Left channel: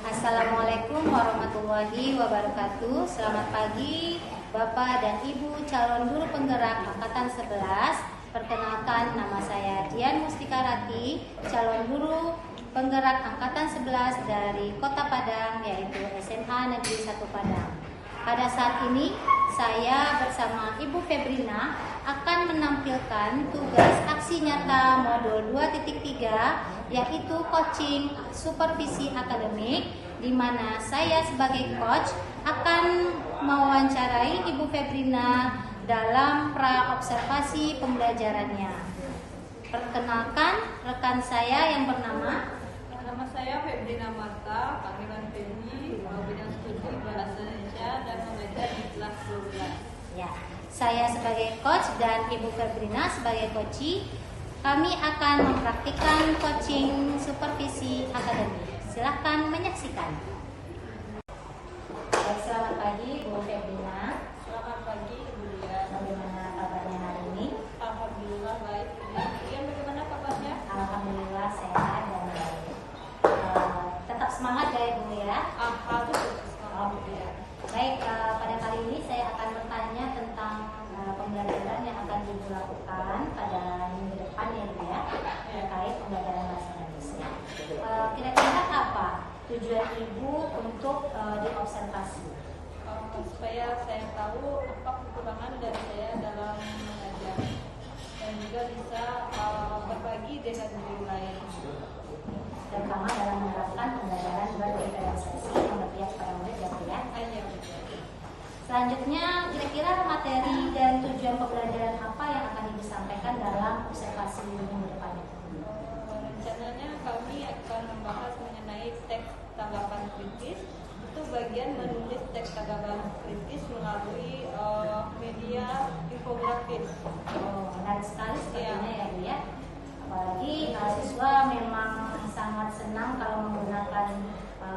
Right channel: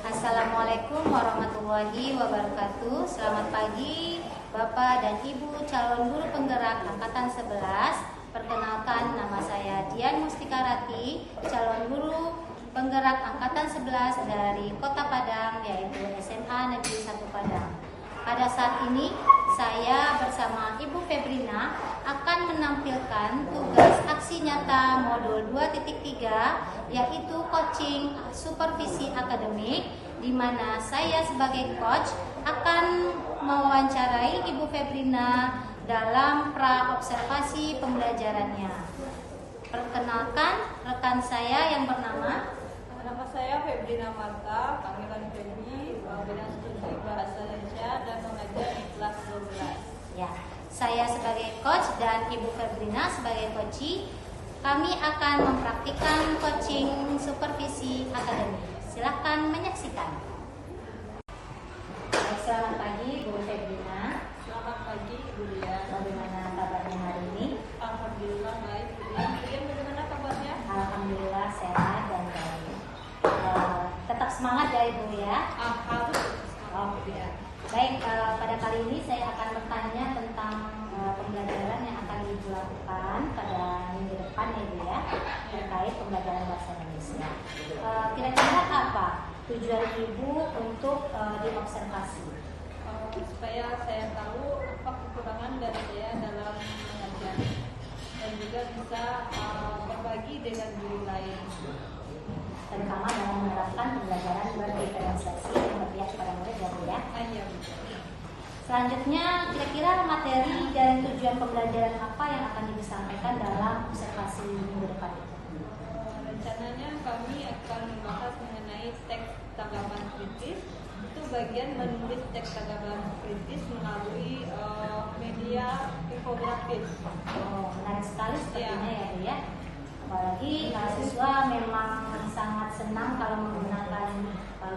Assalamualaikum warahmatullahi wabarakatuh. Selamat pagi Bapak dan Ibu calon guru penggerak angkatan 11. Perkenalkan, nama saya Dian Mustika Rati, calon guru penggerak angkatan 11 dari Kota Padang, yaitu SMA Negeri 1 Padang. Pada saat ini saya bersama Ibu Febrina akan menampilkan tugas aksi nyata modul 2.3, yaitu coaching supervisi akademik, di mana saya sebagai coach akan mewawancarai Ibu Febrina dalam pra-observasi pembelajarannya. Perkenalkan rekan saya yang bernama. Nama saya Febrina Marta, panggilan Febri, bidang studi Bahasa Indonesia dan mengajar di kelas 12. Ya, saya sebagai coach dan Ibu Febrina sebagai coachee, kami akan mempraktikkan coaching supervisi akademik. Silahkan menyaksikan. Baik, selamat pagi Bu Febrina. Selamat pagi Ibu Dian. Bagaimana kabarnya hari ini? Alhamdulillah baik. Dian bagaimana kabarnya? Alhamdulillah sehat dan baik. Tetap semangat ya Ibu ya. Harus semangat Bu Dian. Baik, pada kali ini saya akan bertanya tentang pembelajaran yang akan Ibu lakukan pada minggu depan ya Ibu ya, terkait pembelajaran bahasa Indonesia. Kira-kira apa tujuan Ibu untuk diobservasi? Supaya saya tahu apa kekurangan dari saya dalam mengajar dan juga bisa berbagi dengan guru lain, Terutama dalam menerapkan pembelajaran berdiferensiasi yang berpihak pada murid ya Bu ya. Iya, Bu. Selanjutnya, kira-kira materi dan tujuan pembelajaran apa yang akan Ibu sampaikan dalam observasi minggu depan itu? Rencananya kami akan membahas mengenai teks tanggapan kritis. Itu bagian menulis teks tanggapan kritis melalui media infografis. Oh, menarik sekali sepertinya ya Bu ya. Apalagi siswa memang sangat senang kalau menggunakan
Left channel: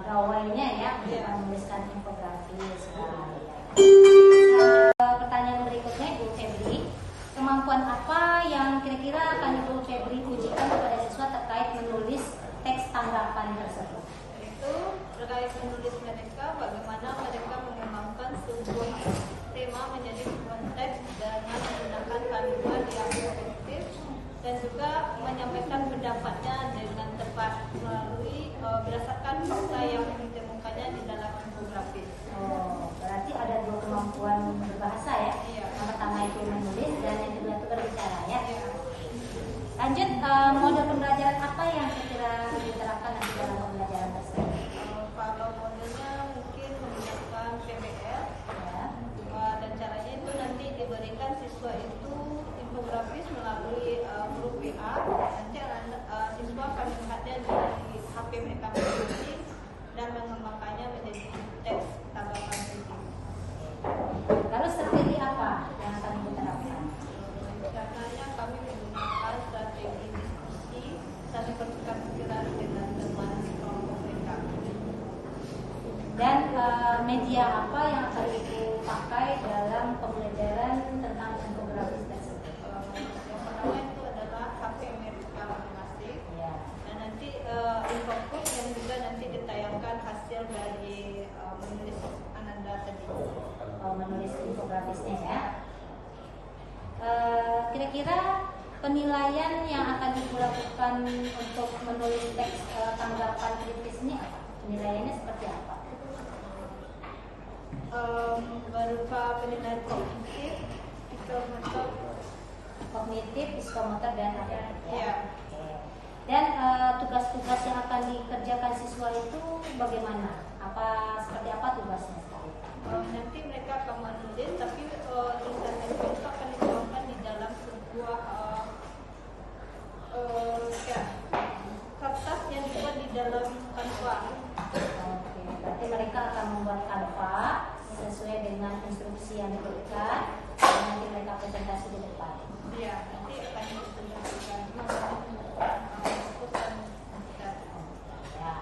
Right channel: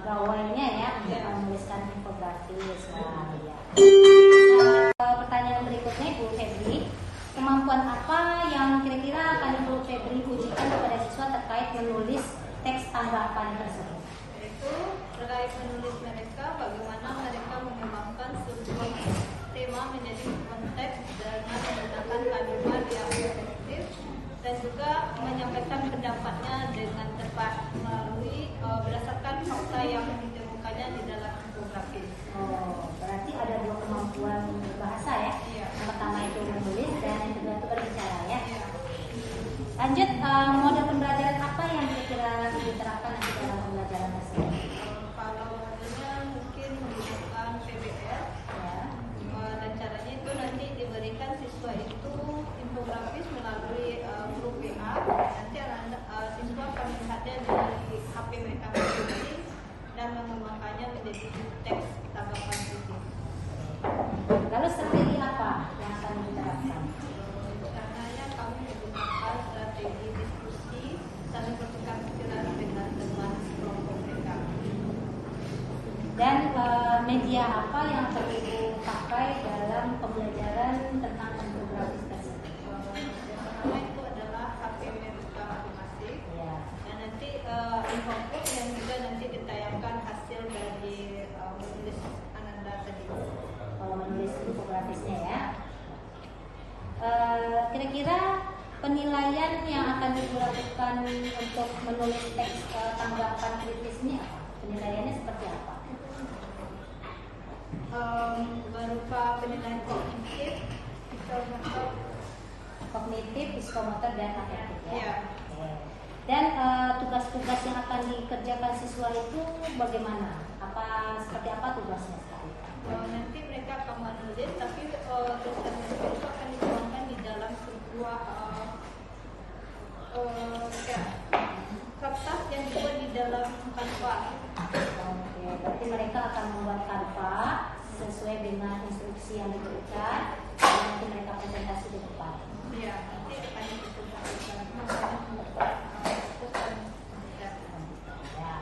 gawainya ya untuk menuliskan infografis. Wah, ya. Pertanyaan berikutnya Bu Febri, kemampuan apa yang kira-kira akan Ibu Febri ujikan kepada siswa terkait menulis teks tanggapan tersebut? Itu terkait menulis mereka, bagaimana mereka mengembangkan sebuah tema menjadi sebuah teks dengan menggunakan kalimat yang efektif dan juga menyampaikan pendapatnya dengan tepat melalui berdasarkan fakta yang ditemukannya di dalam infografis. Oh, berarti ada dua kemampuan berbahasa ya. Iya. Yang pertama itu menulis dan yang kedua itu berbicara ya. Lanjut, model pembelajaran apa yang kira-kira Ibu terapkan nanti dalam pembelajaran tersebut? Kalau modelnya mungkin menggunakan PBL Ya. dan caranya itu nanti diberikan siswa itu infografis melalui huruf WA. Nanti siswa akan melihatnya di HP mereka masing-masing dan mengembangkannya menjadi teks tanggapan kritis. Lalu strategi apa yang akan Ibu terapkan? Rencananya kami menggunakan strategi diskusi dan bertukar pikiran dengan teman kelompok mereka. Dan media apa yang akan Ibu pakai dalam pembelajaran tentang infografis tersebut? Yang pertama itu adalah HP mereka masing-masing. Ya. Dan nanti infofood yang juga nanti ditayangkan hasil dari menulis Ananda tadi. Menulis infografisnya ya. Kira-kira penilaian yang akan Ibu lakukan untuk menulis teks tanggapan kritis ini apa? Penilaiannya seperti apa? Berupa penilaian Kognitif, psikomotor, dan afektif ya. Ya. Oke. Dan tugas-tugas yang akan dikerjakan siswa itu bagaimana? Seperti apa tugasnya? Nanti mereka akan menulis, tapi tulisan mereka itu akan dituangkan di dalam sebuah kertas yang dibuat di dalam Canva. Oke, berarti mereka akan membuat Canva sesuai dengan instruksi yang diberikan dan nanti mereka presentasi di depan. Iya, nanti akan dipresentasikan. Ya.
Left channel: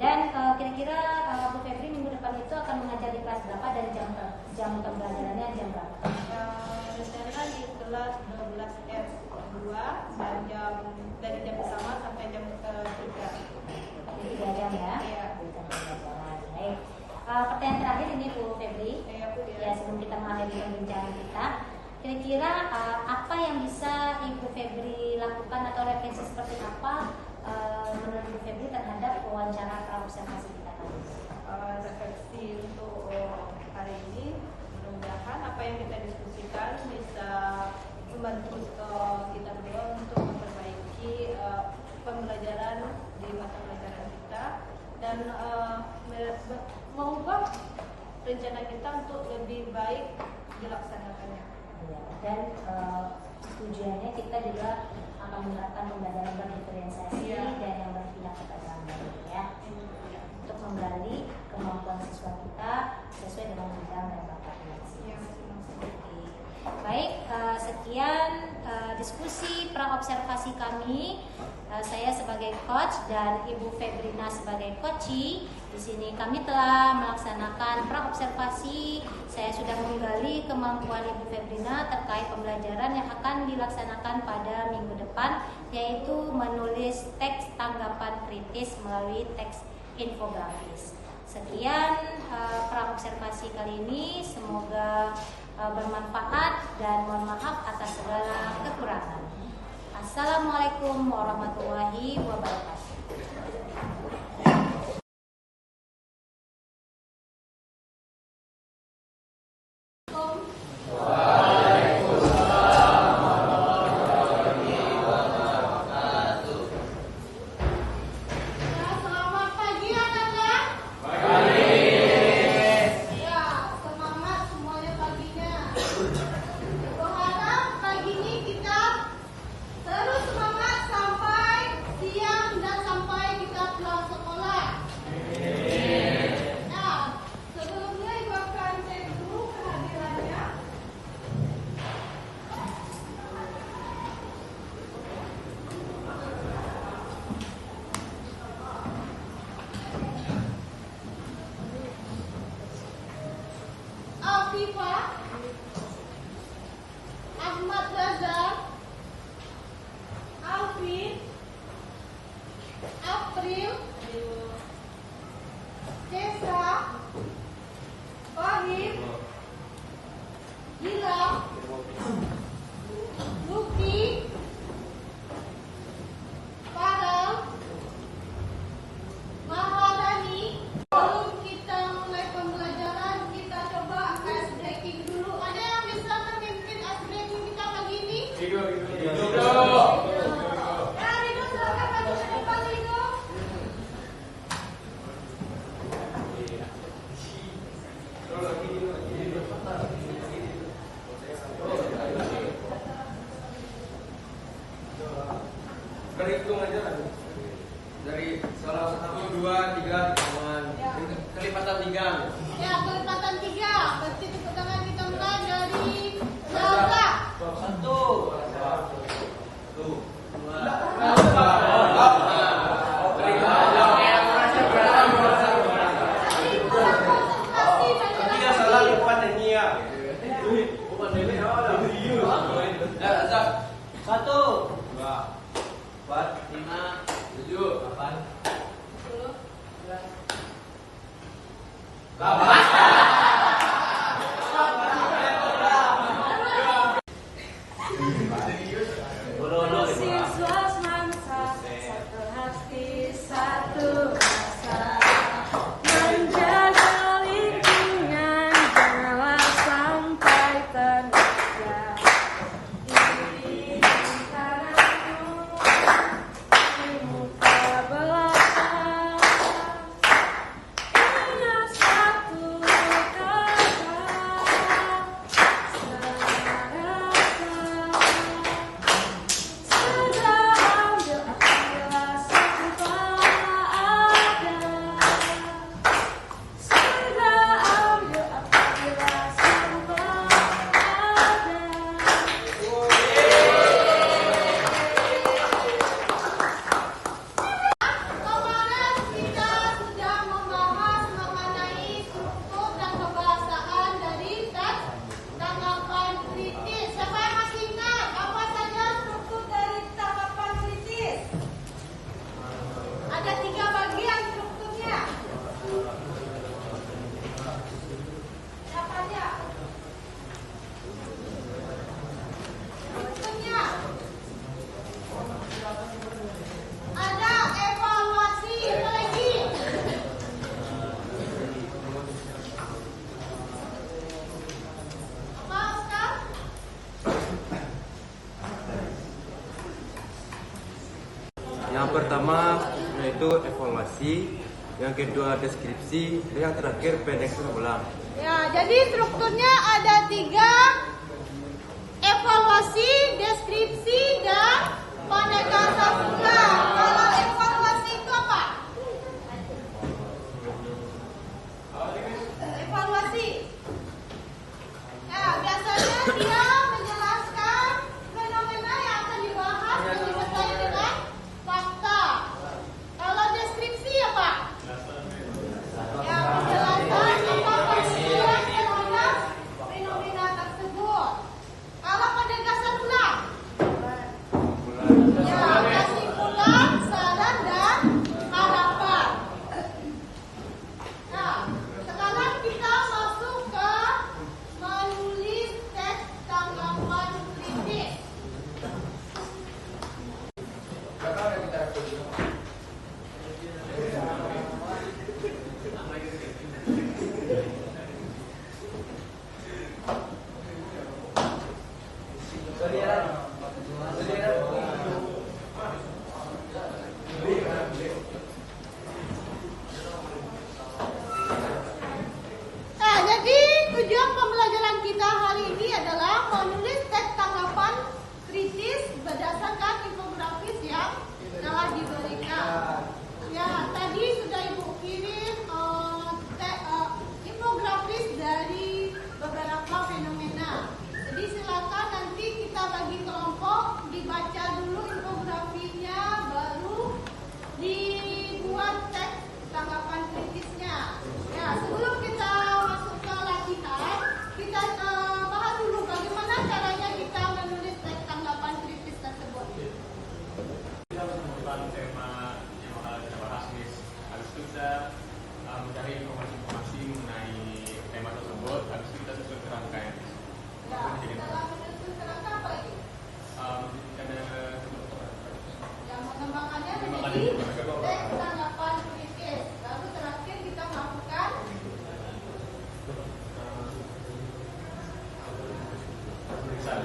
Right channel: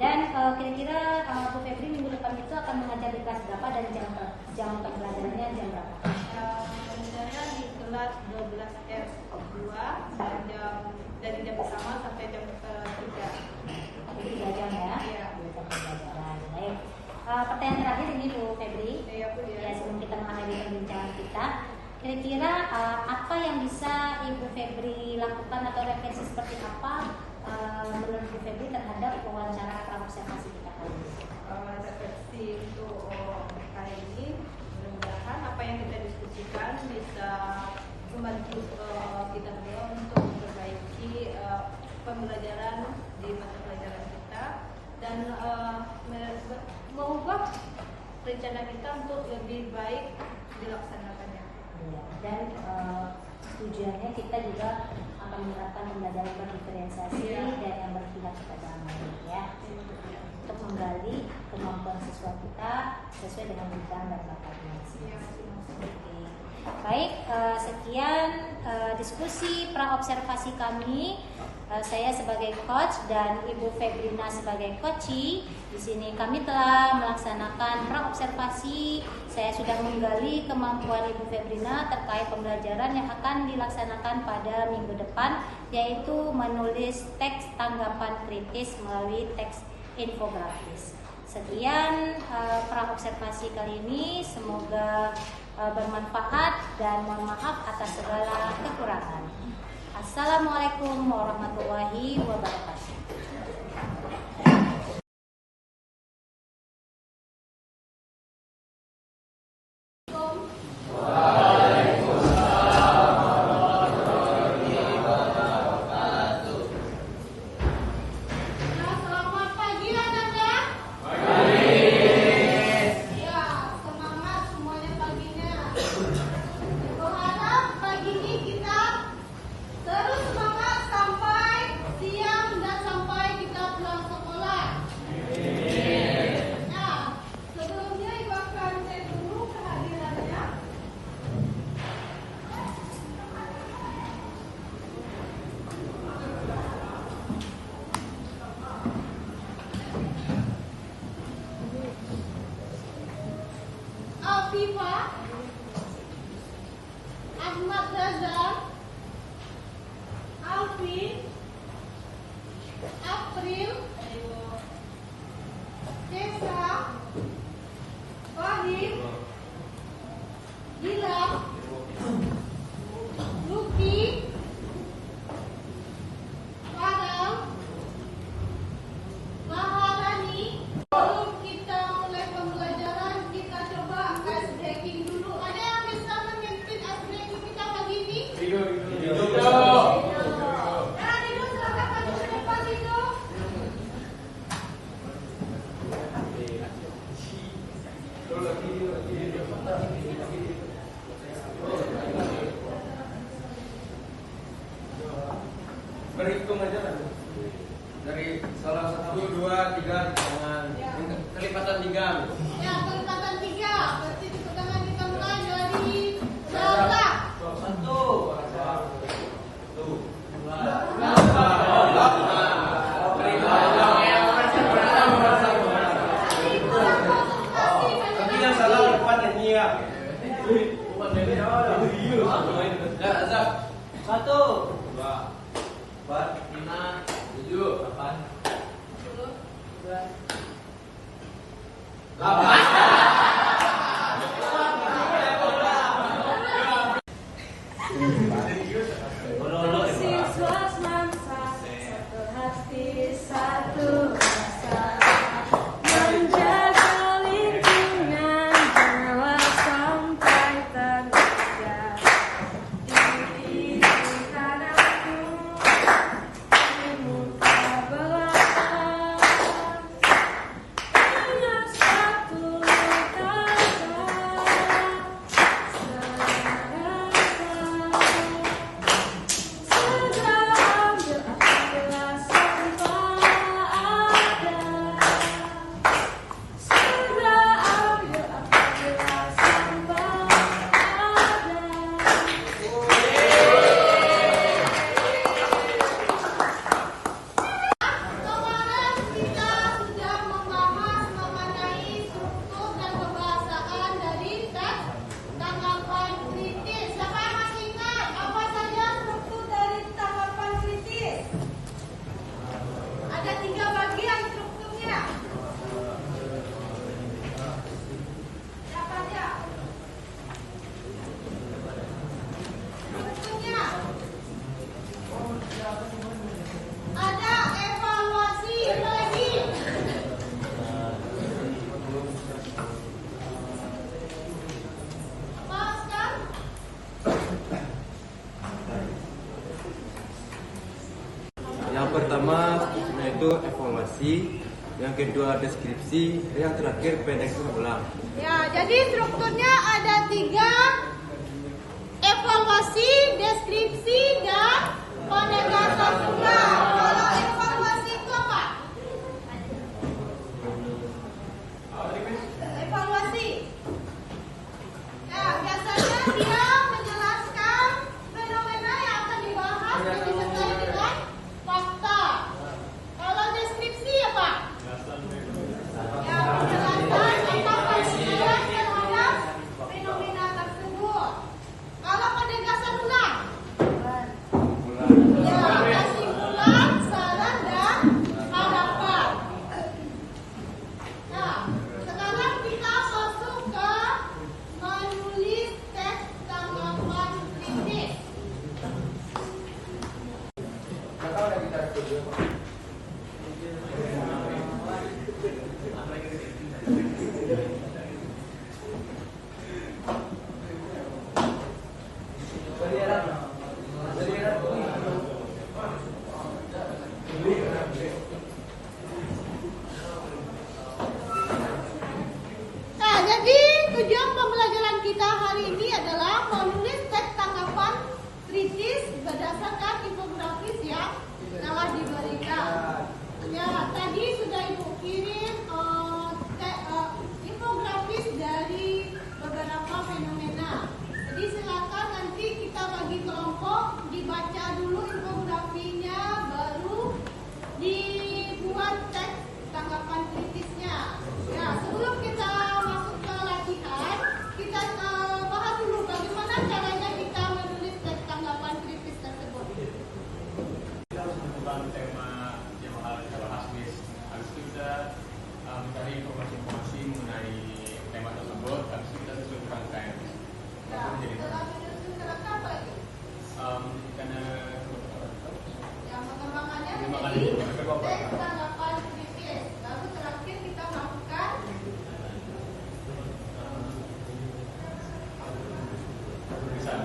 Dan kira-kira Bu Febri minggu depan itu akan mengajar di kelas berapa dan jam pembelajarannya jam berapa? Rencana di kelas 12 S2 dan jam dari jam pertama sampai jam 3. Tapi 3 jam ya? Iya. 3 jam pembelajaran. Baik. Pertanyaan terakhir ini Bu Febri. Iya, Bu Dian. Ya, sebelum kita mengakhiri perbincangan kita, kira-kira apa yang bisa Ibu Febri lakukan atau referensi seperti apa menurut Bu Febri terhadap wawancara praobservasi kita kali ini? Refleksi untuk hari ini, mudah-mudahan apa yang kita diskusikan bisa membantu kita berdua untuk memperbaiki pembelajaran di mata pelajaran kita dan mengubah rencana kita untuk lebih baik dilaksanakannya. Ya, dan tujuannya kita juga akan menerapkan pembelajaran berdiferensiasi dan yang berpihak kepada murid ya, untuk menggali kemampuan siswa kita sesuai dengan bidang dan bakatnya masing-masing. Baik, sekian diskusi praobservasi kami. Saya sebagai coach dan Ibu Febrina sebagai coachee. Di sini kami telah melaksanakan praobservasi. Saya sudah menggali kemampuan Ibu Febrina terkait pembelajaran yang akan dilaksanakan pada minggu depan, yaitu menulis teks tanggapan kritis melalui teks infografis. Sekian praobservasi kali ini, semoga bermanfaat dan mohon maaf atas segala kekurangan. Assalamualaikum warahmatullahi wabarakatuh. Alfifa, Ahmad Razak, Alvin, April, Desa, Fahim, Gilang, Luki, Farel, Maharani. Sebelum kita mulai pembelajaran, kita coba ice breaking dulu. Ada yang bisa memimpin ice breaking kita pagi ini? Ya, Rido, silakan maju ke depan, Rido. Berhitung aja lah dari salah 1, 2, 3 tangan kelipatan 3. Ya, kelipatan 3. Berarti tepuk tangan kita mulai dari belakang. 1, 2, 3. Tapi yang salah depan ini ya. Bukan ini. Ya, 1, 2, 4, 5, 7, 8, 10, 11. Untuk siswa semangsa, satu hati, satu rasa, menjaga lingkungan janganlah sampai terusir. Ini antaramu di muka belakang. Yang pertama yaitu evaluasi, yang kedua deskripsi, dan yang terakhir pendekan ulang. Ya, jadi strukturnya ada 3: evaluasi, deskripsi, dan penegasan ulang. Kalau evaluasi itu apa? Evaluasi. Ya, biasanya dia menjelaskan fenomena yang akan dibahas dan disertai dengan fakta. Kalau deskripsi apa? Ya, menjelaskan tentang kejadian fenomena tersebut. Kalau penegasan ulang, ya, kesimpulan, saran, dan harapan. Nah, sekarang kita masuk ke menulis teks tanggapan kritis. Nah, jadi tujuan pembelajaran kita hari ini adalah menulis teks tanggapan kritis berdasarkan infografis yang telah diberikan. Ya, tadi sudah Ibu kirim infografis dari beberapa fenomena. Jadi silakan nanti kita bagi kelompok, dibaca dulu infografinya, baru dibuat teks tanggapan kritisnya. Ya, sebelum kita masuk ke latihan, kita bahas dulu bagaimana caranya kita menulis teks tanggapan kritis tersebut. Tentang tema yang bakal kita bahas, Miss. Habis itu kita mencari informasi mengenai tema tersebut. Habis itu kita susun rangkaian. Baru menjadi karena Yang pengembangannya pengembangan menjadi itu bagaimana? teks tanggapan kritis. Lalu terakhir kita masukkan tulisan.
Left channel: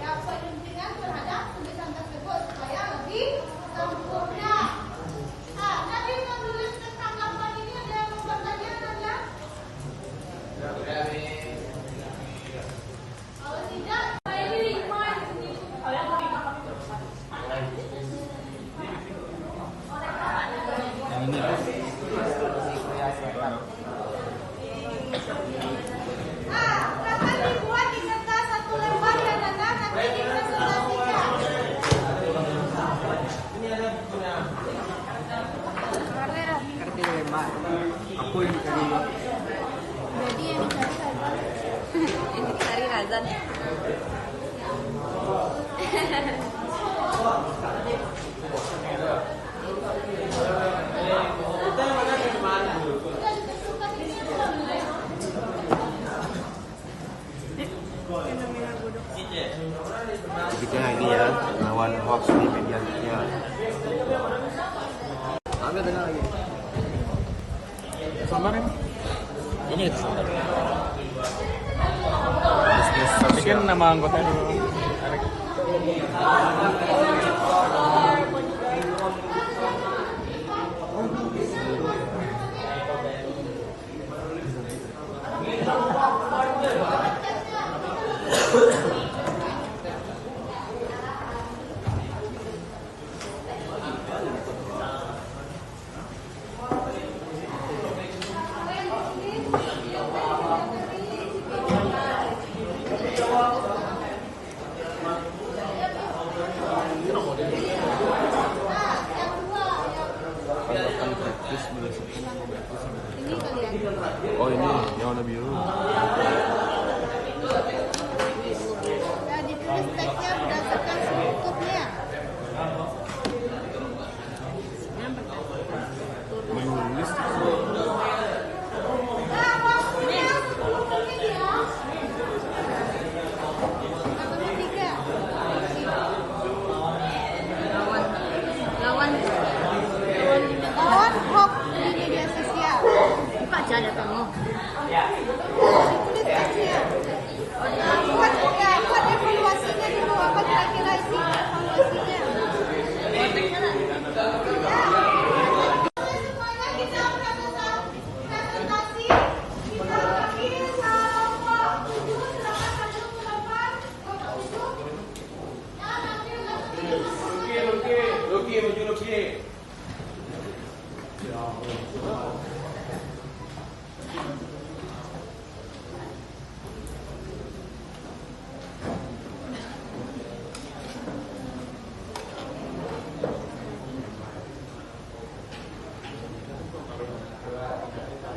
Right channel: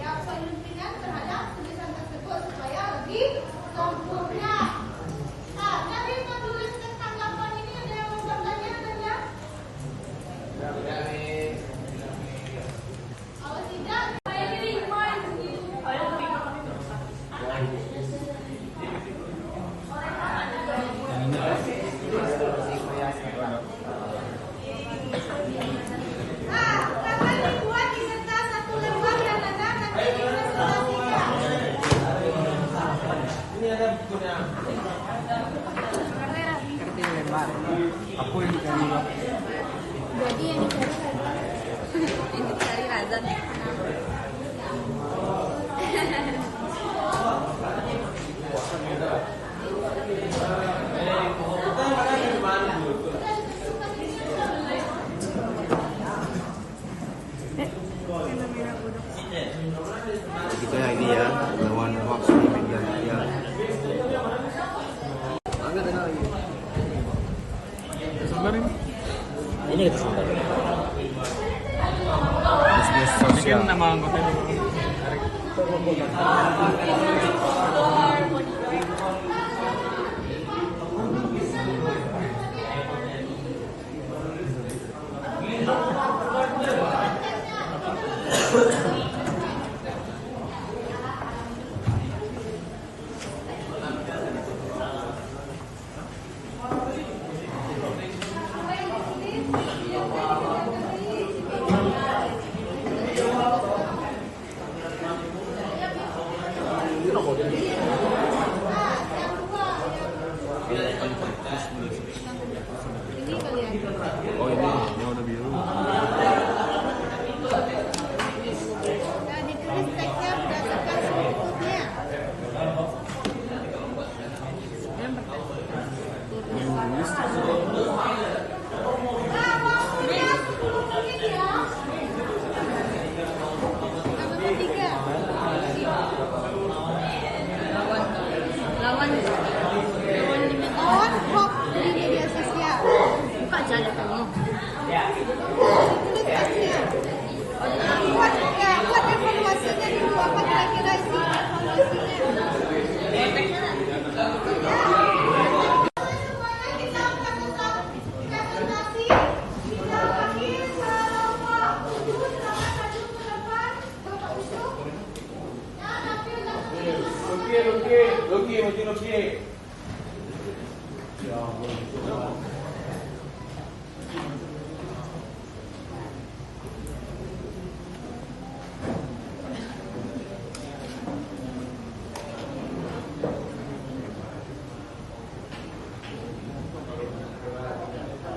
ya penelitian terhadap tulisan tersebut supaya lebih sempurna. Nah, tadi menulis teks tanggapan ini ada yang membuat bagian banyak? Kalau tidak, akan dibuat di kertas satu lembar yang ada nanti dipresentasikan. Aku yang tadi. Jadi yang dicari Razan. Kita lagi ya, lawan hoax selanjutnya. Ambil tenang lagi. Sabar ini. Ini kita sampai. Masukin nama anggota dulu. Ini kali ya. Oh ini warna biru. Nah, ditulis teksnya berdasarkan strukturnya. Menulis. Nah, waktunya 10 menit ya. Nah, nomor 3. Lawan hoax di media sosial. Buka aja kamu. Tulis teksnya. Buat evaluasinya dulu, apa kira-kira isi evaluasinya. maju lebih.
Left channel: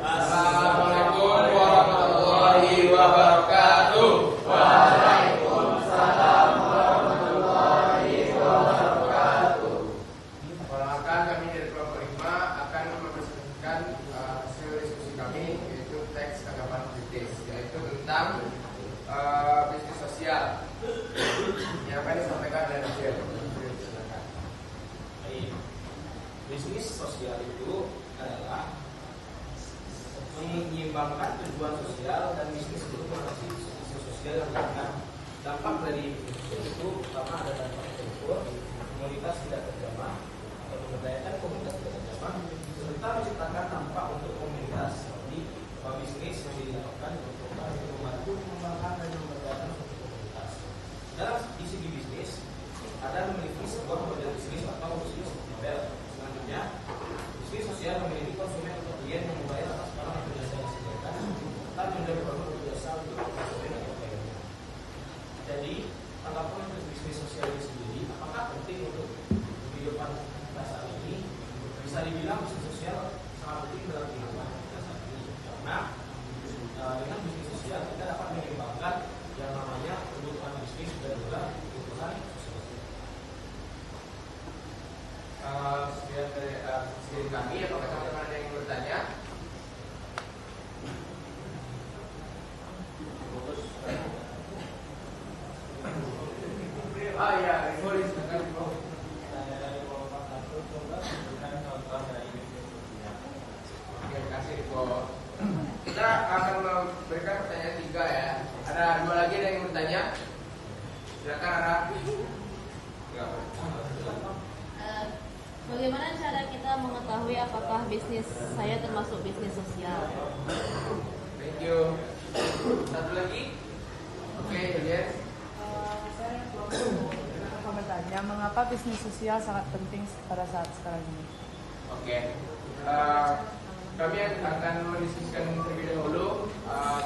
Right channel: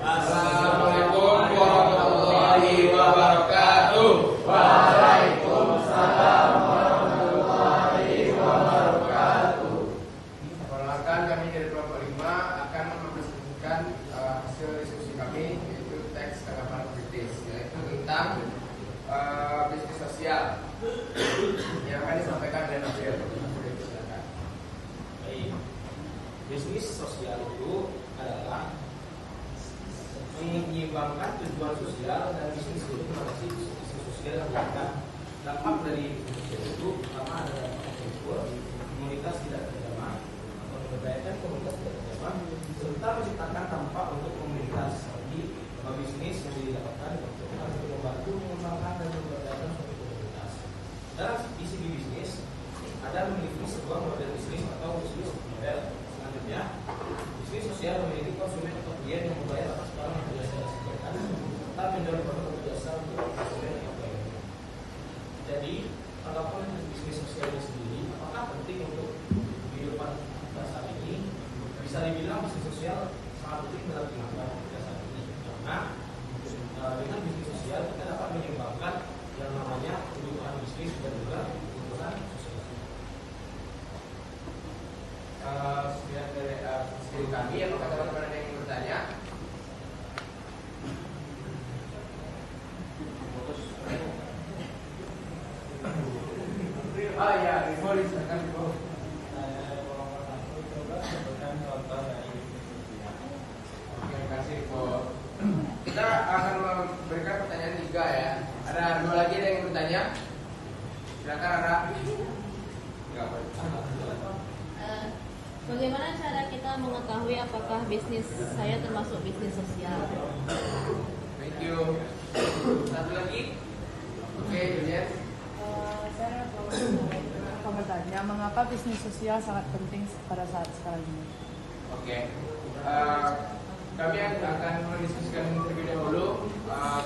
Assalamualaikum warahmatullahi wabarakatuh. Waalaikumsalam warahmatullahi wabarakatuh. Perkenalkan, kami dari kelompok 5 akan mempresentasikan hasil diskusi kami, yaitu teks tanggapan kritis, yaitu tentang bisnis sosial yang akan disampaikan oleh Nasir. Bisnis sosial itu adalah menyeimbangkan tujuan sosial dan bisnis untuk mengatasi isu sosial yang akan dampak dari itu, pertama ada komunitas tidak terjamah, memberdayakan komunitas tidak terjamah, serta menciptakan dampak untuk komunitas. Jadi bisnis menjadi dilakukan untuk membantu mengembangkan dan memberdayakan suatu komunitas. Dalam di segi bisnis ada memiliki sebuah model bisnis atau bisnis model. Selanjutnya, bisnis sosial memiliki konsumen atau klien yang membayar atas barang yang biasa disediakan, serta menjual produk atau jasa untuk konsumen atau klien. Jadi, tanggapan untuk bisnis sosial ini sendiri, apakah penting untuk kehidupan kita saat ini? Bisa dibilang bisnis sosial sangat penting dalam kehidupan kita saat ini, karena dengan bisnis sosial kita dapat menyeimbangkan yang namanya kebutuhan bisnis dan juga kebutuhan sosial. Sekian dari presiden kami, apakah teman-teman ada yang ingin bertanya? Oh ya, Rivo, silakan Rivo. Oke, kasih Rivo. Kita akan memberikan pertanyaan 3 ya. Ada 2 lagi yang ingin bertanya. Silakan Ara. Enggak boleh. Bagaimana cara kita mengetahui apakah bisnis saya termasuk bisnis sosial? Thank you. Satu lagi. Oke, Julian. Saya akan bertanya, mengapa bisnis sosial sangat penting pada saat sekarang ini? Oke. Kami akan mendiskusikan terlebih dahulu.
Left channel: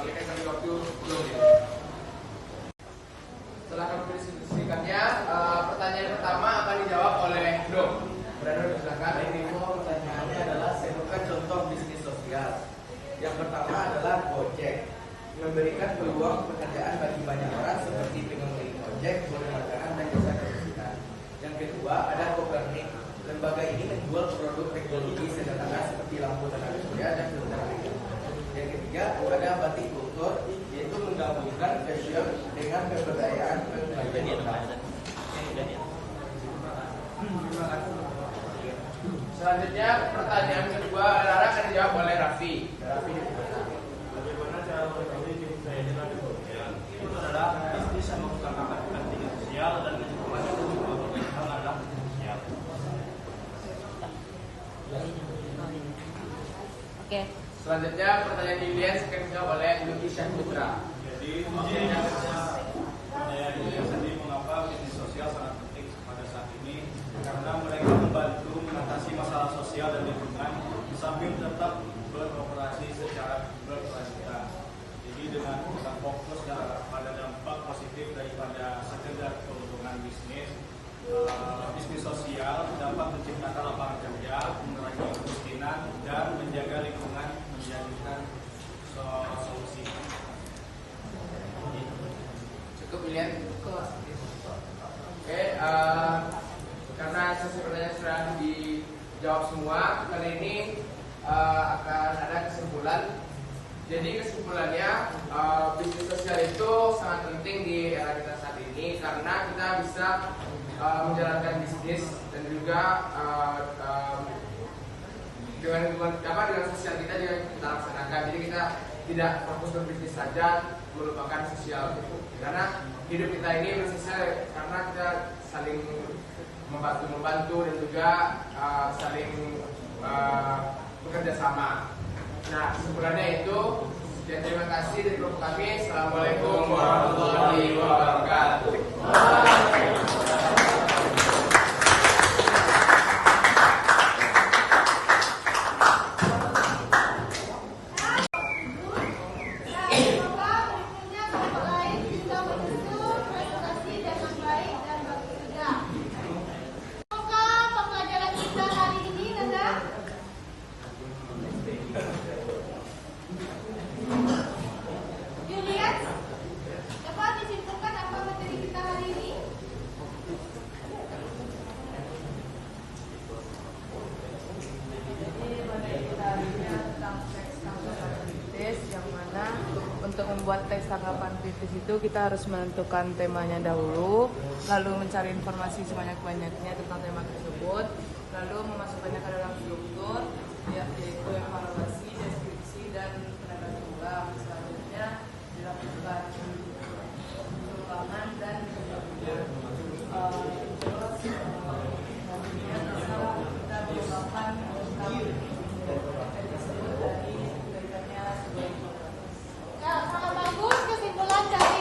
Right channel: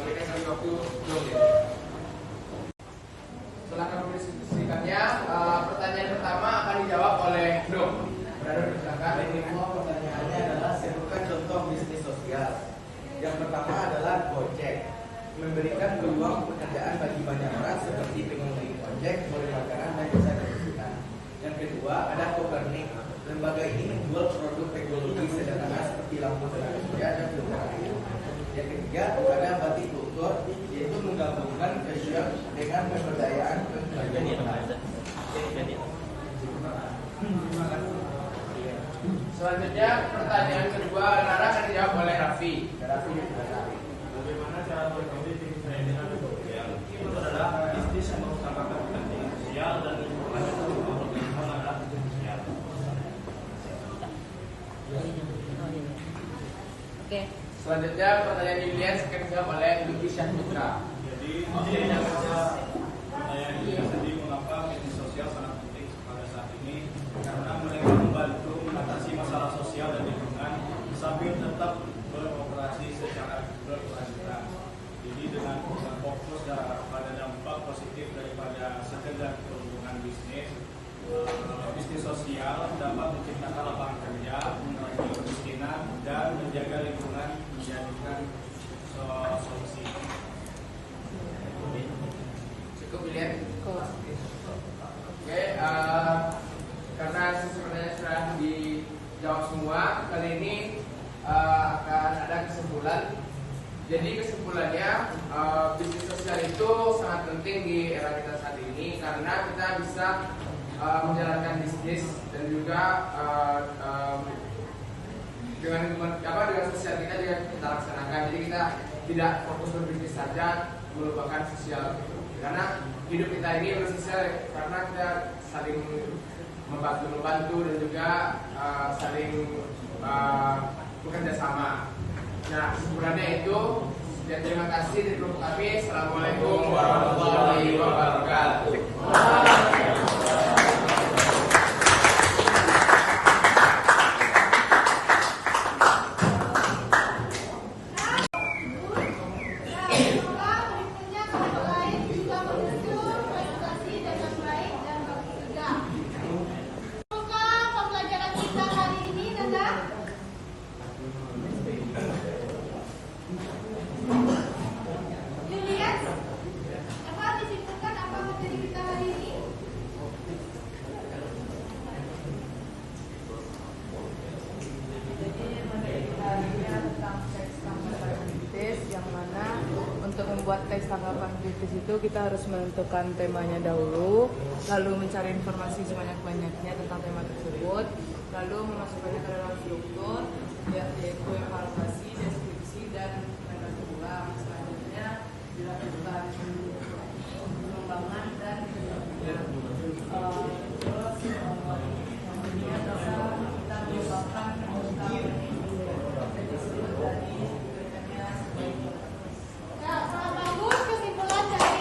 Berikan kami waktu 10 menit. Setelah kami mendiskusikannya, pertanyaan pertama akan dijawab oleh Dom. Ini mau pertanyaannya adalah sebutkan contoh bisnis sosial. Yang pertama adalah Gojek, memberikan peluang pekerjaan bagi banyak orang seperti pengemudi ojek, kurir makanan dan jasa kebersihan. Yang kedua ada Copernic, lembaga ini menjual produk teknologi sederhana seperti lampu tenaga surya dan filter air. Yang ketiga ada Batik Kultur, yaitu menggabungkan fashion dengan pemberdayaan pembagian income. Terima kasih. Selanjutnya pertanyaan kedua akan dijawab oleh Raffi. Bagaimana cara mengetahui bisnis saya dengan sosial? Itu adalah bisnis yang mengutamakan kepentingan sosial dan lingkungan yang memperhatikan adalah bisnis sosial. Oke. Selanjutnya pertanyaan Julian akan dijawab oleh Luki Syahputra. Jadi saya juga sedih mengapa bisnis sosial sangat penting pada saat ini, karena mereka membantu mengatasi masalah sosial dan lingkungan sambil tetap beroperasi secara berkelanjutan. Jadi dengan fokus pada dampak positif daripada sekedar keuntungan bisnis, bisnis sosial dapat menciptakan lapangan kerja, mengurangi kemiskinan dan menjaga lingkungan menjadikan solusi. Cukup Julian. Oke, karena sesi pertanyaan sudah dijawab semua, kali ini akan ada kesimpulan. Jadi kesimpulannya, bisnis sosial itu sangat penting di era kita saat ini karena kita bisa menjalankan bisnis dan juga dengan sosial kita juga kita laksanakan. Jadi kita tidak fokus berbisnis saja, melupakan sosial gitu. Karena hidup kita ini bersosial karena kita saling membantu dan juga saling bekerja sama. Nah, kesimpulannya itu, dan terima kasih dari kelompok kami. Assalamualaikum warahmatullahi wabarakatuh. membuat teks tanggapan kritis itu kita harus menentukan temanya dahulu, lalu mencari informasi sebanyak-banyaknya tentang tema tersebut, lalu memasukkannya ke dalam struktur, yaitu evaluasi, deskripsi, dan pendapat ulang. Selanjutnya dilakukan pengembangan dan nantinya kita mengembangkan tentang tersebut dari kerjanya sebagai Ya, sangat bagus kesimpulan dari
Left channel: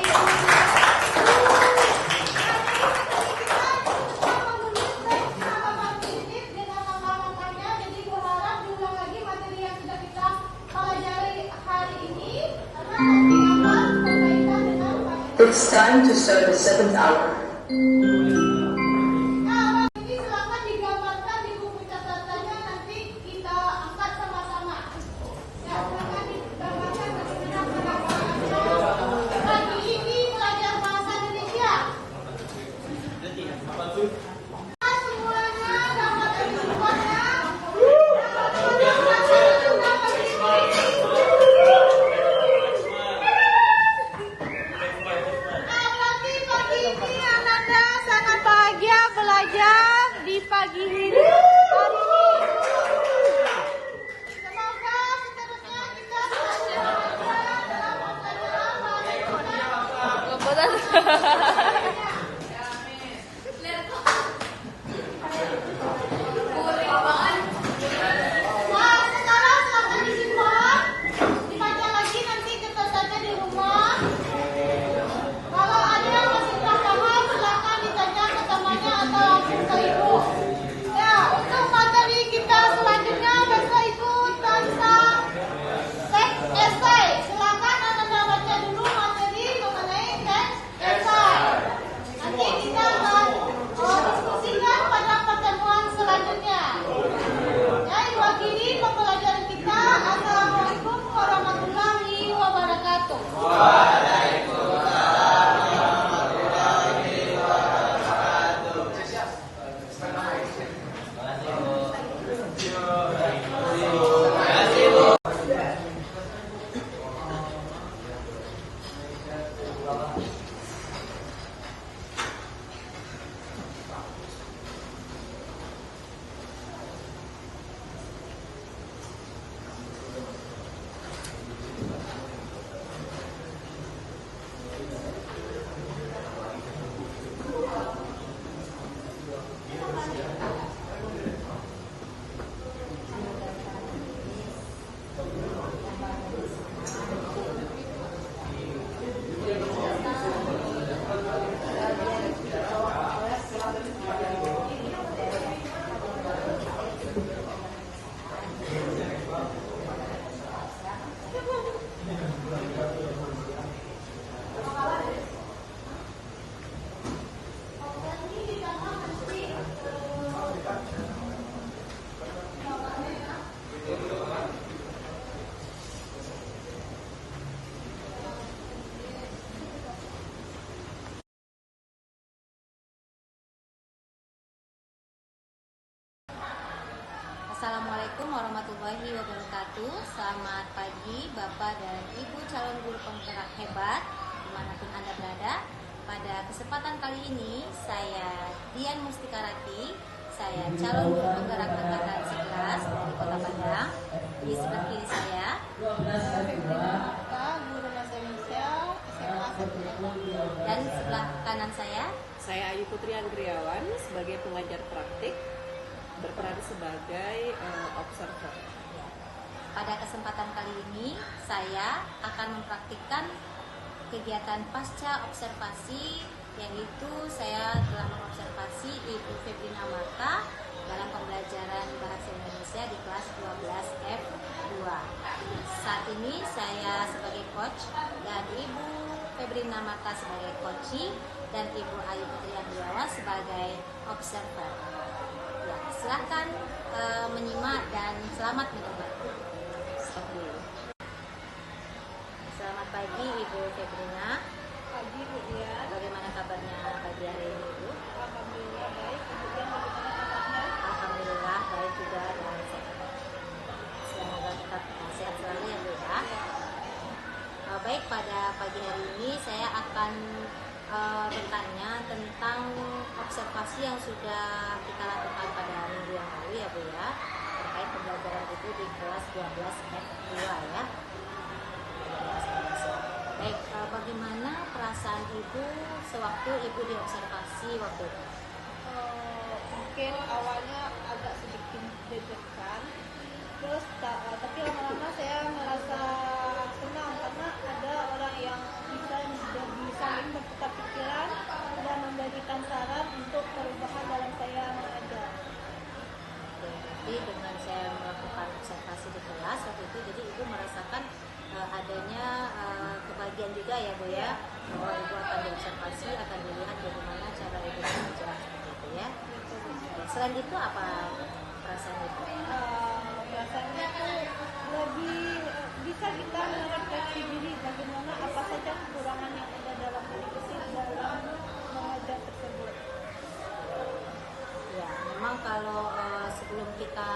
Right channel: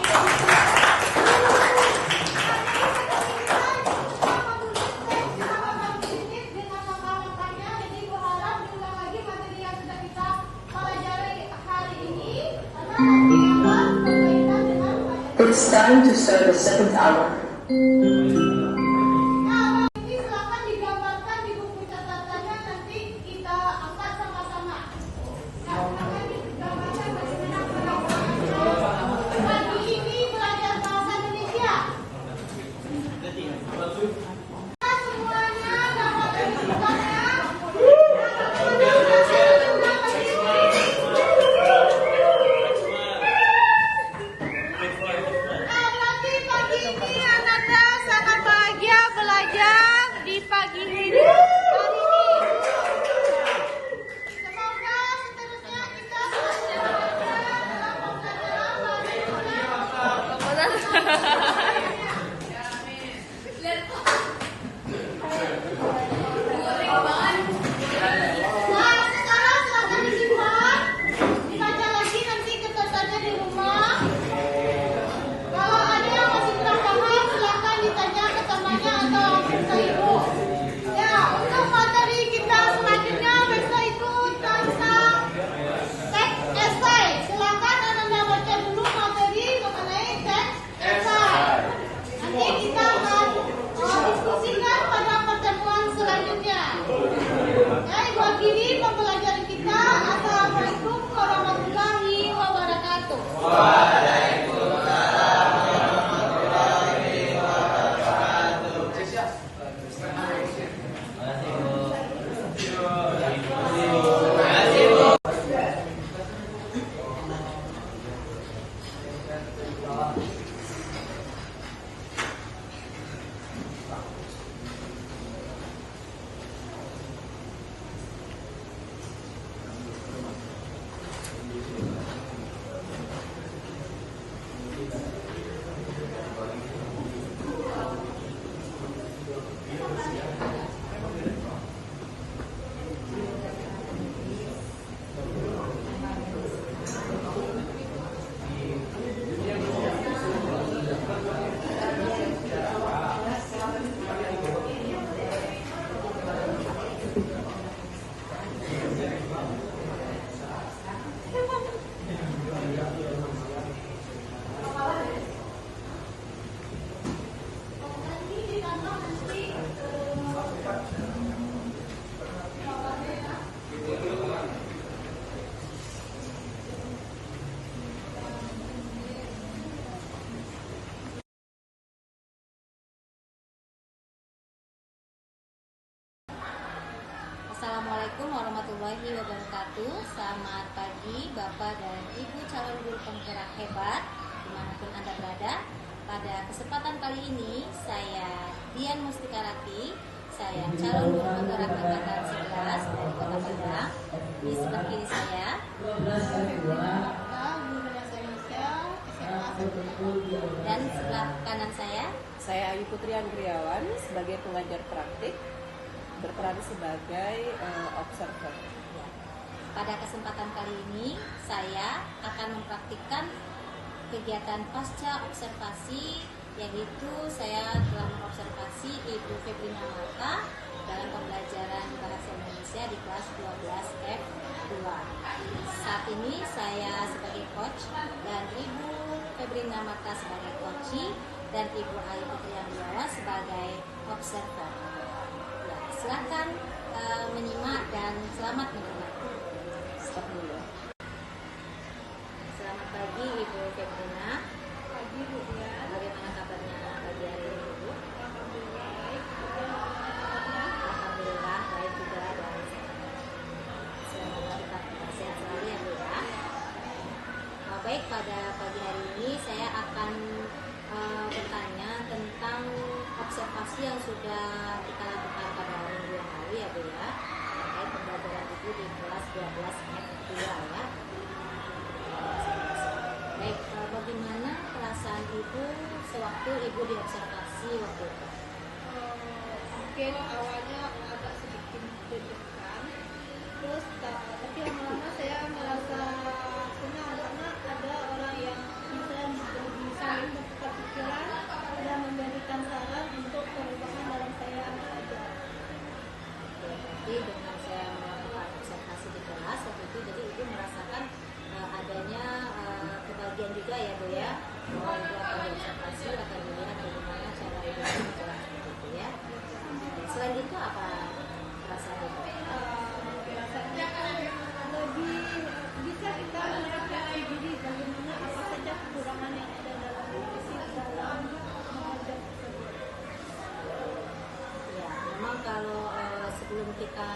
It's time to serve the second hour. Nah, ini silakan digambarkan di buku catatannya, nanti kita angkat sama-sama. Ya, silakan digambarkan bagaimana penerapan. Pagi ini belajar bahasa Indonesia. Semuanya dapat menyebutkannya. Tapi pagi ini Ananda sangat bahagia belajar di pagi ini. Semoga seterusnya kita Nah, sekarang silahkan disimpan, dibaca lagi nanti catatannya di rumah. Kalau ada yang masih kurang paham, silakan ditanya ke temannya atau langsung ke ibu. Ya, untuk materi kita selanjutnya besok ikut tentang teks esai. Silakan Anda baca dulu materi mengenai teks esai. Nanti kita akan diskusikan pada pertemuan selanjutnya. Ibu akhiri pembelajaran kita. Assalamualaikum warahmatullahi wabarakatuh. Assalamualaikum warahmatullahi wabarakatuh. Selamat pagi Bapak dan Ibu calon guru penggerak hebat dimanapun Anda berada. Pada kesempatan kali ini saya Dian Mustikarati, saya calon guru penggerak angkatan 11 dari Kota Padang. Di sebelah kiri saya Guru bahasa Indonesia SMA 1 dan sebelah kanan saya Ayu Putri Anggriawan sebagai pengajar praktik, berperan sebagai observer. Pada kesempatan kali ini saya akan mempraktikkan kegiatan pasca observasi, yaitu saya telah mengobservasi Ibu Febrina Marta dalam pembelajaran bahasa Indonesia di kelas 12F2. Saat ini saya sebagai coach dan Ibu Febrina Marta sebagai coachee dan Ibu Ayu Putri Anggriawan sebagai observer. Ya, silahkan menyimak dan selamat menikmati. Stop dulu. Selamat pagi Ibu Febrina. Pagi Bu Dian. Bagaimana kabarnya pagi hari ini Ibu? Alhamdulillah baik. Alhamdulillah baik juga dan sehat. Semoga tetap sehat selalu ya Bu ya. Baik pada pagi hari ini saya akan bertanya tentang observasi yang sudah kita lakukan pada minggu yang lalu ya Bu ya, terkait pembelajaran Ibu di kelas 12 F2 ya. Baik, bagaimana perasaan Ibu sewaktu Ibu diobservasi waktu itu? Mungkin awalnya agak sedikit deg-degan, terus tapi lama-lama saya merasa senang karena ada orang yang bisa saling bertukar pikiran dan memberikan saran untuk perubahan dalam saya mengajar. Jadi dengan saya melakukan observasi di kelas waktu itu, jadi Ibu merasakan adanya kebahagiaan juga ya Bu ya, bahwa Ibu akan diobservasi, akan dilihat bagaimana cara Ibu berjalan seperti itu ya. Selain itu apa perasaan Ibu? Perasaannya lebih bisa kita merefleksi diri bagaimana apa saja kekurangan yang ada dalam dalam mengajar tersebut. Ya, memang kalau sebelum kita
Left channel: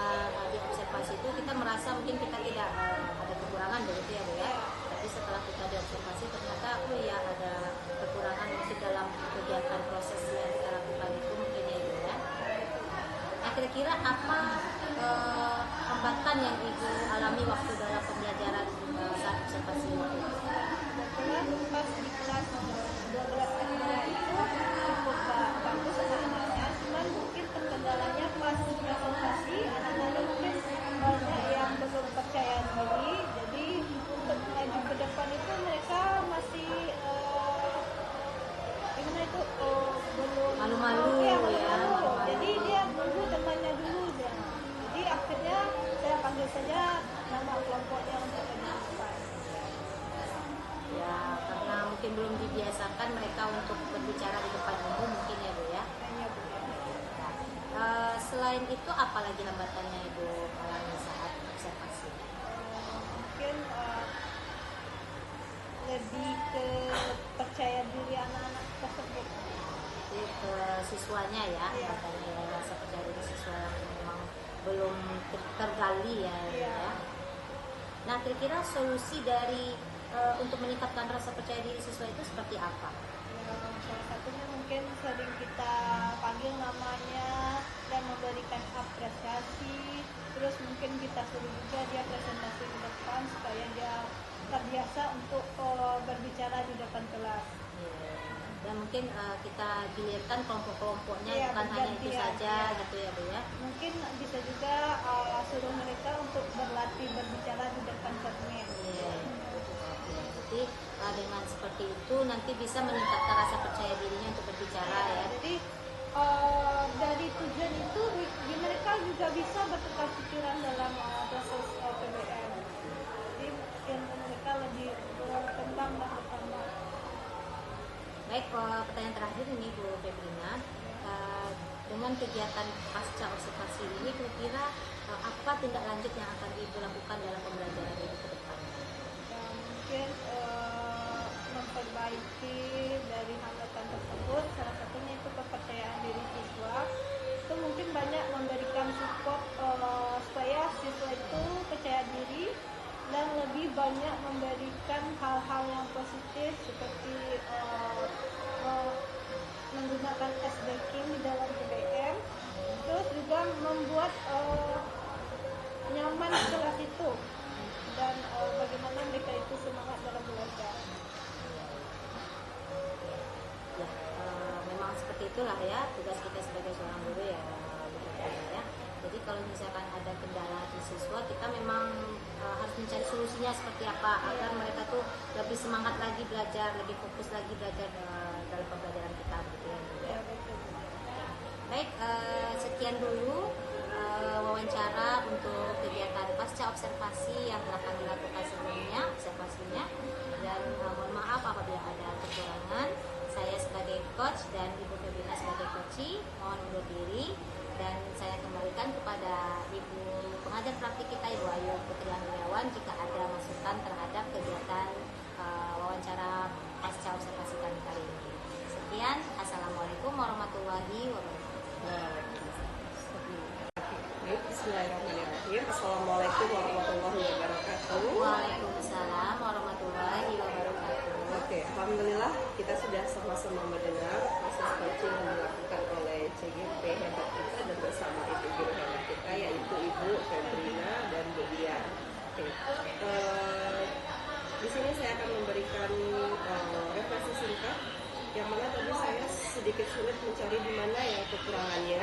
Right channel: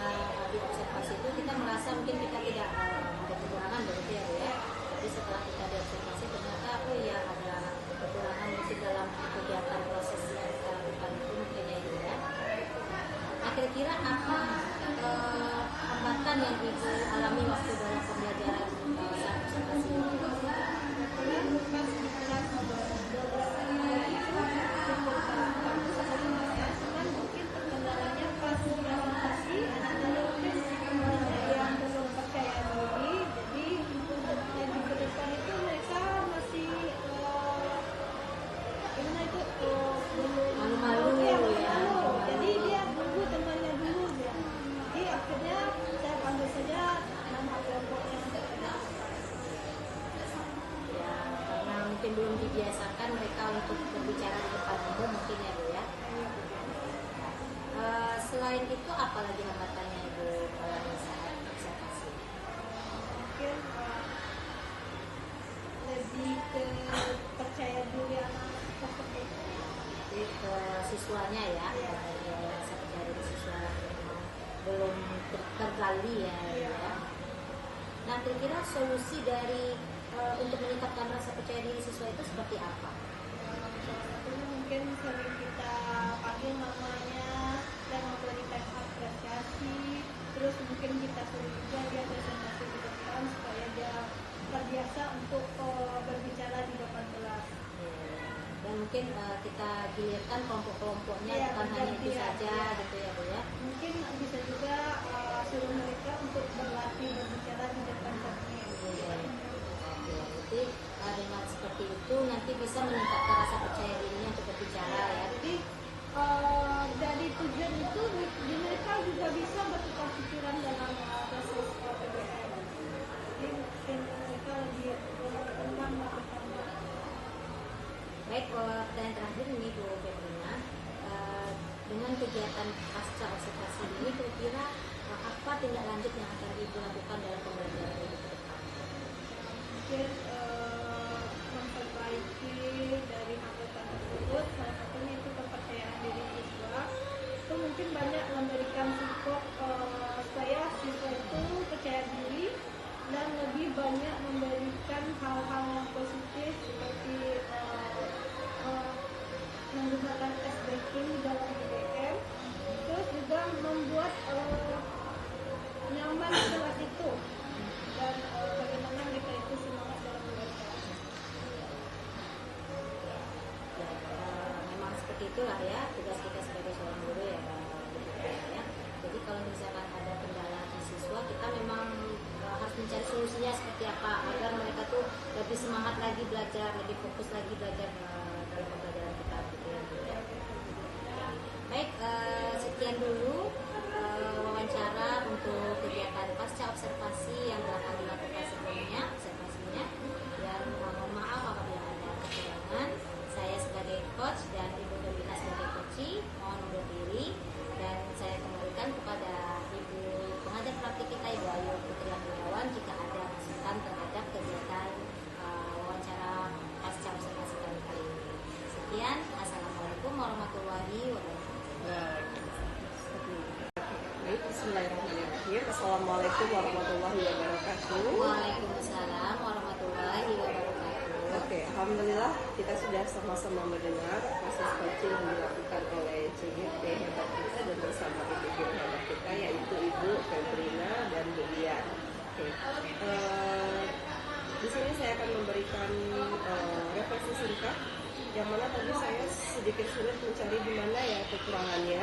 diobservasi itu kita merasa mungkin kita tidak ada kekurangan begitu ya Bu ya. Tapi setelah kita diobservasi ternyata ya ada kekurangan mungkin dalam kegiatan proses yang kita lakukan itu mungkin ya Bu ya. Nah, kira-kira apa hambatan yang Ibu alami waktu dalam pembelajaran saat observasi waktu itu? Kebetulan pas di kelas itu cukup bagus sebenarnya, cuman mungkin kendalanya pas presentasi anak-anak mungkin banyak yang belum percaya diri, jadi untuk maju ke depan itu mereka masih gimana itu belum Malu-malu ya, malu-malu. Jadi dia nunggu temannya dulu ya. Jadi akhirnya saya panggil saja nama kelompok yang Ya, karena mungkin belum dibiasakan mereka untuk berbicara di depan umum mungkin ya Bu ya. Selain itu apa lagi hambatannya Ibu alami saat observasi? mungkin lebih ke percaya diri anak-anak tersebut. Jadi ke siswanya ya, katanya rasa percaya diri siswa memang belum tergali ya. Nah, kira-kira solusi dari untuk meningkatkan rasa percaya diri siswa itu seperti apa? Salah satunya mungkin sering kita panggil namanya dan memberikan apresiasi, terus mungkin kita suruh juga dia presentasi ke depan supaya dia terbiasa untuk berbicara di depan kelas. Dan mungkin kita gilirkan kelompok-kelompoknya, bukan hanya itu saja gitu ya Bu ya. Mungkin bisa juga suruh mereka untuk berlatih berbicara di depan cermin. Oke, berarti dengan seperti itu nanti bisa meningkatkan rasa percaya dirinya untuk berbicara ya. Jadi dari tujuan itu mereka juga bisa bertukar pikiran dalam proses PBM. Jadi mungkin mereka lebih berkembang melakukan. Baik, pertanyaan terakhir ini Bu Febrina, dengan kegiatan pasca observasi ini kira-kira apa tindak lanjut yang akan Ibu lakukan dalam pembelajaran Ibu ke depan? Mungkin memperbaiki dari hambatan tersebut, salah satunya itu kepercayaan diri siswa. Itu mungkin banyak memberikan support supaya siswa itu percaya diri dan lebih banyak memberikan hal-hal yang positif seperti menggunakan tes backing di dalam PBM, terus juga membuat nyaman di kelas itu dan bagaimana mereka itu semangat dalam belajar. Ya, memang seperti itulah ya tugas kita sebagai seorang guru ya, ya. Jadi kalau misalkan ada kendala di siswa, kita memang harus mencari solusinya seperti apa agar mereka tuh lebih semangat lagi belajar, lebih fokus lagi belajar dalam pembelajaran kita gitu ya Bu ya. Baik, sekian dulu wawancara untuk kegiatan pasca observasi yang telah kami lakukan sebelumnya, observasinya. Dan mohon maaf apabila ada kekurangan. Saya sebagai coach dan Ibu Febrina sebagai coach mohon undur diri, dan saya kembalikan kepada Ibu pengajar praktik kita Ibu Ayu Putri Andriawan jika ada masukan terhadap kegiatan wawancara pasca observasi kali ini. Sekian, assalamualaikum warahmatullahi wabarakatuh. Baik. Bismillahirrahmanirrahim. Assalamualaikum warahmatullahi wabarakatuh. Waalaikumsalam warahmatullahi wabarakatuh. Oke, alhamdulillah kita sudah sama-sama mendengar proses coaching yang dilakukan oleh CGP hebat kita dan bersama ibu guru hebat kita yaitu Ibu Febrina dan Bu Dian. Oke, di sini saya akan memberikan refleksi singkat yang mana tadi saya sedikit sulit mencari di mana ya kekurangannya.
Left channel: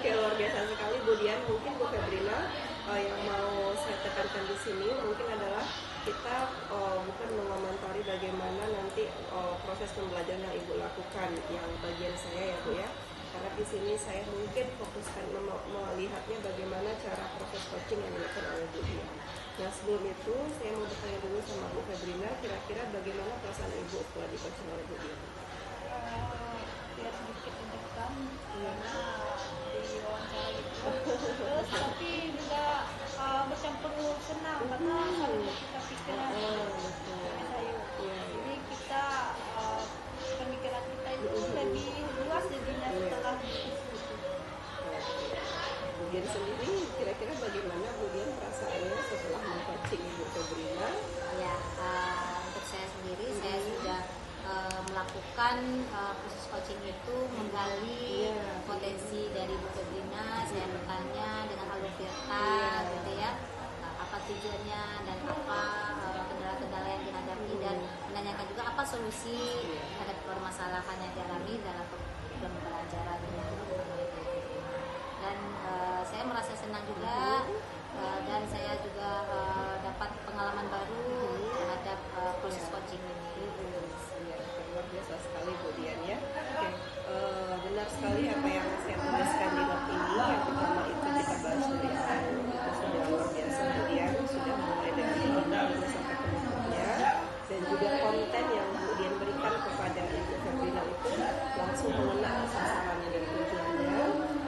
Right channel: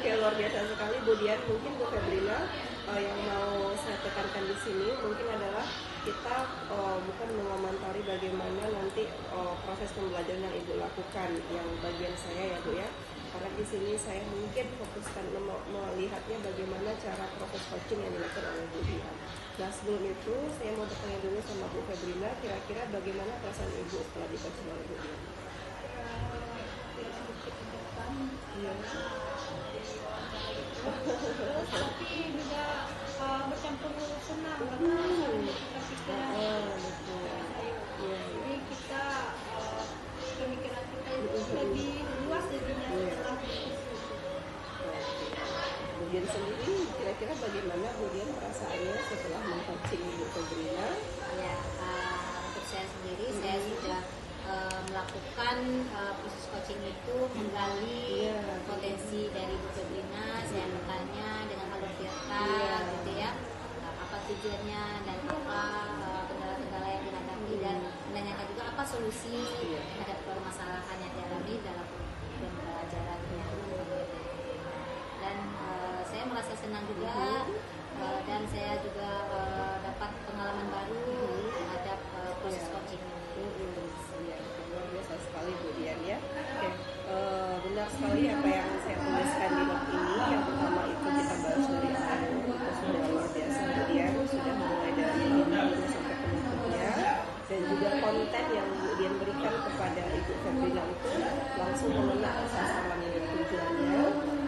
Kayak luar biasa sekali Bu Dian. Mungkin Bu Febrina yang mau saya tekankan di sini mungkin adalah kita bukan mengomentari bagaimana nanti proses pembelajaran yang Ibu lakukan yang bagian saya ya Bu ya. Karena di sini saya mungkin fokuskan melihatnya bagaimana cara proses coaching yang dilakukan oleh Bu Dian. Nah sebelum itu saya mau bertanya dulu sama Bu Febrina, kira-kira bagaimana perasaan Ibu setelah di coaching oleh Bu Dian? Ya sedikit deg-degan. Iya. Tapi juga bercampur senang karena kita betul. Iya. Jadi kita pemikiran kita itu lebih luas jadinya setelah diskusi. Bu Dian sendiri kira-kira bagaimana Bu Dian perasaannya setelah meng-coaching Ibu Febrina? Ya, untuk saya sendiri saya sudah melakukan proses coaching itu menggali potensi dari Bu Febrina. Saya bertanya dengan alur virtual gitu ya, apa tujuannya dan apa kendala-kendala yang dihadapi dan menanyakan juga apa solusi terhadap permasalahan yang dialami dalam pembelajarannya. Dan saya merasa senang juga dan saya juga dapat pengalaman baru terhadap proses coaching ini. Ya, luar biasa sekali Bu Dian ya. Oke, benar sekali apa yang saya tuliskan di note ini. Yang pertama itu kita bahas dari alur, itu sudah luar biasa Bu Dian, sudah mulai dari intinya sampai penutupnya. Dan juga konten yang Bu Dian berikan kepada Ibu Febrina itu langsung mengena sasarannya dan tujuannya.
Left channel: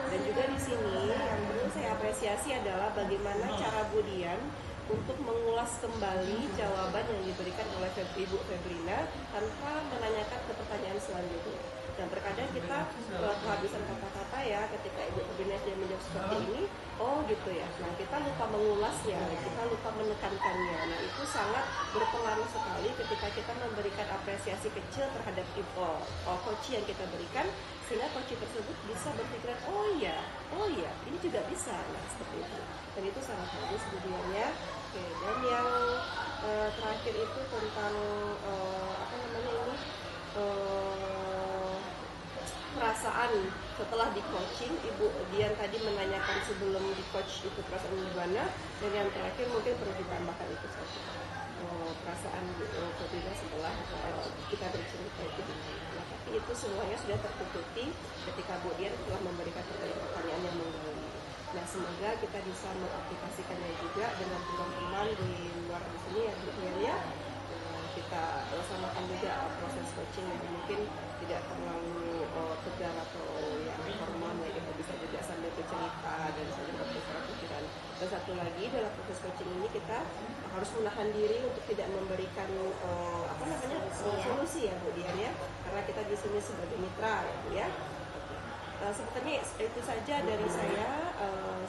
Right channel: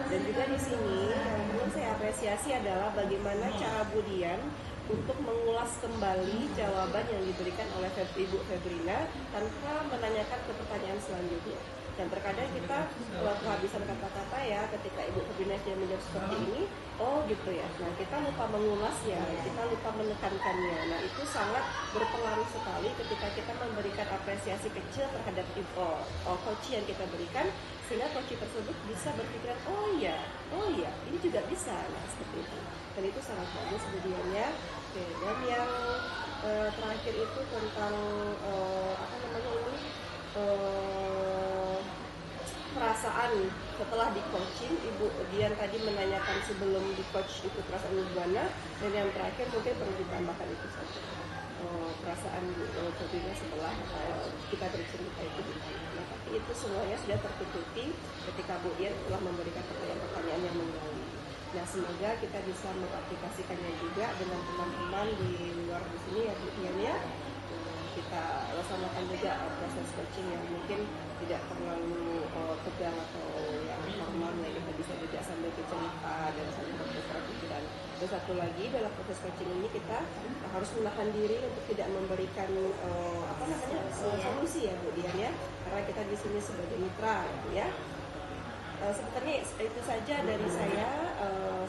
Dan juga di sini yang perlu saya apresiasi adalah bagaimana cara Bu Dian untuk mengulas kembali jawaban yang diberikan oleh Ibu Febrina tanpa menanyakan ke pertanyaan selanjutnya. Dan terkadang kita kehabisan kata-kata ya ketika Ibu Febrina sudah menjawab seperti ini, oh gitu ya. Nah kita lupa mengulasnya, kita lupa menekankannya. Nah itu sangat berpengaruh sekali ketika kita memberikan apresiasi kecil terhadap coach yang kita berikan, sehingga coach tersebut bisa berpikiran, oh iya, ini juga bisa. Nah seperti itu. Dan itu sangat bagus kemudian ya. Oke, dan yang terakhir itu tentang perasaan setelah di coaching. Ibu Dian tadi menanyakan sebelum di coach itu perasaan gimana, dan yang terakhir mungkin perlu ditambahkan itu saja, perasaan Febrina setelah kita bercerita itu gimana. Nah tapi itu semuanya sudah tertutupi ketika Bu Dian telah memberikan pertanyaan-pertanyaan yang menggali. Nah semoga kita bisa mengaplikasikannya juga dengan teman-teman di luar di sini ya Bu Dian ya. Kita laksanakan juga proses coaching yang mungkin tidak terlalu tegang atau yang formal ya, kita bisa juga sambil bercerita dan sambil bertukar pikiran. Dan satu lagi dalam proses coaching ini kita harus menahan diri untuk tidak memberikan solusi ya Bu Dian ya, karena kita di sini sebagai mitra ya. Sebetulnya itu saja dari saya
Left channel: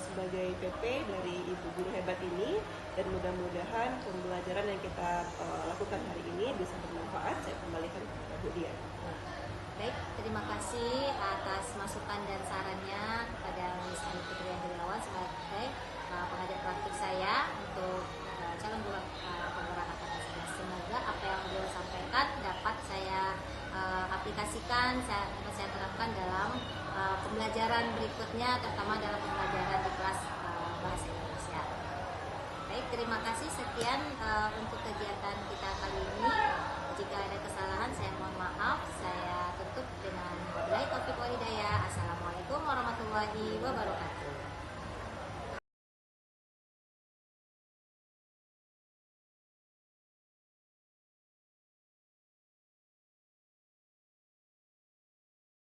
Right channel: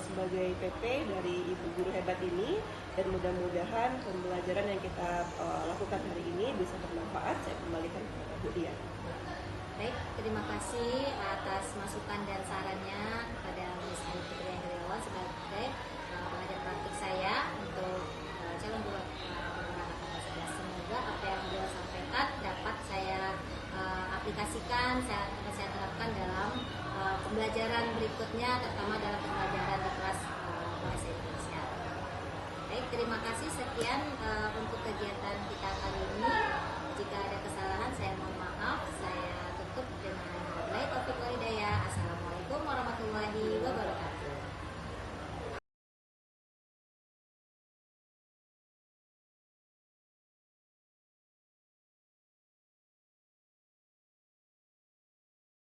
sebagai PP dari Ibu Guru Hebat ini, dan mudah-mudahan pembelajaran yang kita lakukan hari ini bisa bermanfaat. Saya kembalikan kepada Bu Dian. Baik, terima kasih atas masukan dan sarannya kepada Miss Ayu Putri Andriawan sebagai pengajar praktik saya untuk calon guru penggerak angkatan 11. Semoga apa yang beliau sampaikan dapat saya aplikasikan, saya terapkan dalam pembelajaran berikutnya, terutama dalam pembelajaran di kelas bahasa Indonesia. Baik, terima kasih. Sekian untuk kegiatan kita kali ini. Jika ada kesalahan saya mohon maaf. Saya tutup dengan wabillahi taufiq wal hidayah. Assalamualaikum warahmatullahi wabarakatuh.